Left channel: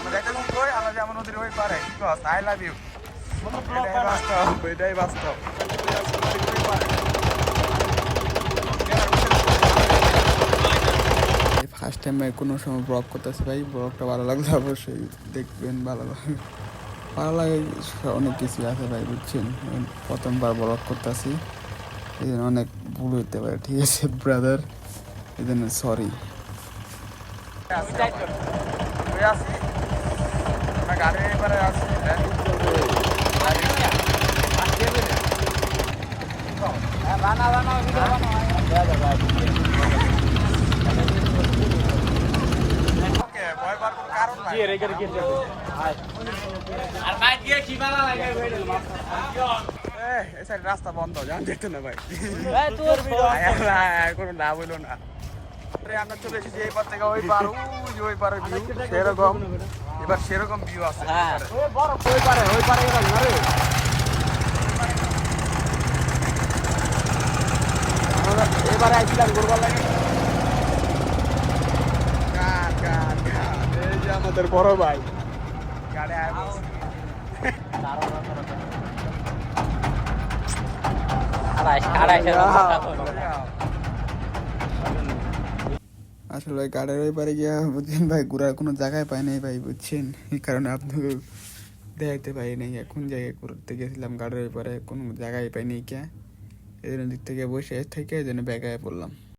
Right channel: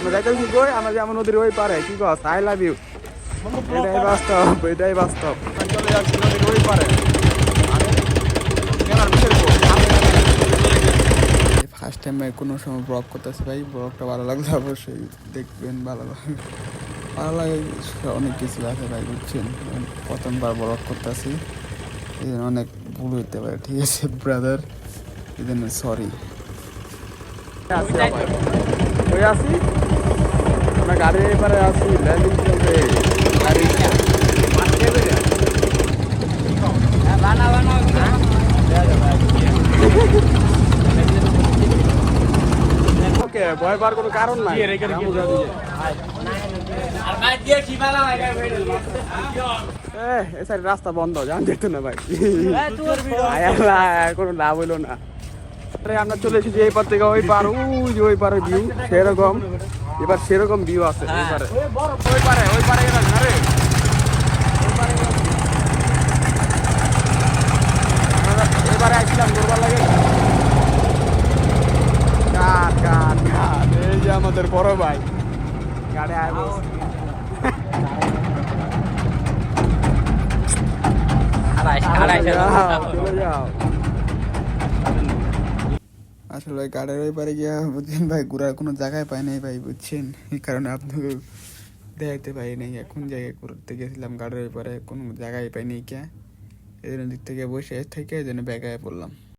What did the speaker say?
আমরা যাইতেছি কই, আমরা যেমন নদীর ওই পারে, কি কস, আই লাভ ইউ, এটাই বাস্তব, এটাই বাস্তব। চলে যাচ্ছি নদীর ওই পারে। ফার্স্ট টাইম কোনো সময় ব্লগ করতেছি ভাই, ব্লগটা ভালো লাগলে অবশ্যই দেখবেন, ভালো লাগে, ভালো লাগে, অনেক কিছু আছে ভাই বুঝছেন, প্রথমবার ব্লগ করতেছি, এই জন্য অনেক ভুল হইতে পারে, ঠিক আছে ব্রাদার, এই জন্য সরি। ওই আসি আমরা গাড়ির এবারে আসি, ল্যান্ডিং করবে গাড়ি। ওকে, ভয় পাওয়ার কোনো কারণ নাই। রাস্তা বন্ধ, জানতে না ভাই, কোনো লাভ হইলো না। আমরা চলে এসেছি এই পার থেকে ওই পার, ওই যে ওই পারের ভিউ সেরকম, এবার সেরকম ভিউ আছে এবারে। আমাদের বড় ভাই গাড়ি আয় চলে যাও। আসলে গাড়ির ওই পারে গিয়া বুঝছেন ভাই, ঘোরার কোনো জায়গায় পাই নাই ভাই বুঝছেন, এই কারণে আপনাকে দেখাইতে পারি নাই। এখন জায়গায় ঘুরতে গেছিলাম গাড়ির ওই পারে, কোনো জায়গায় পাই নাই কে, এই জন্য দিক থেকে বসে থেকে এই জন্য ব্যাগায় পড়লাম।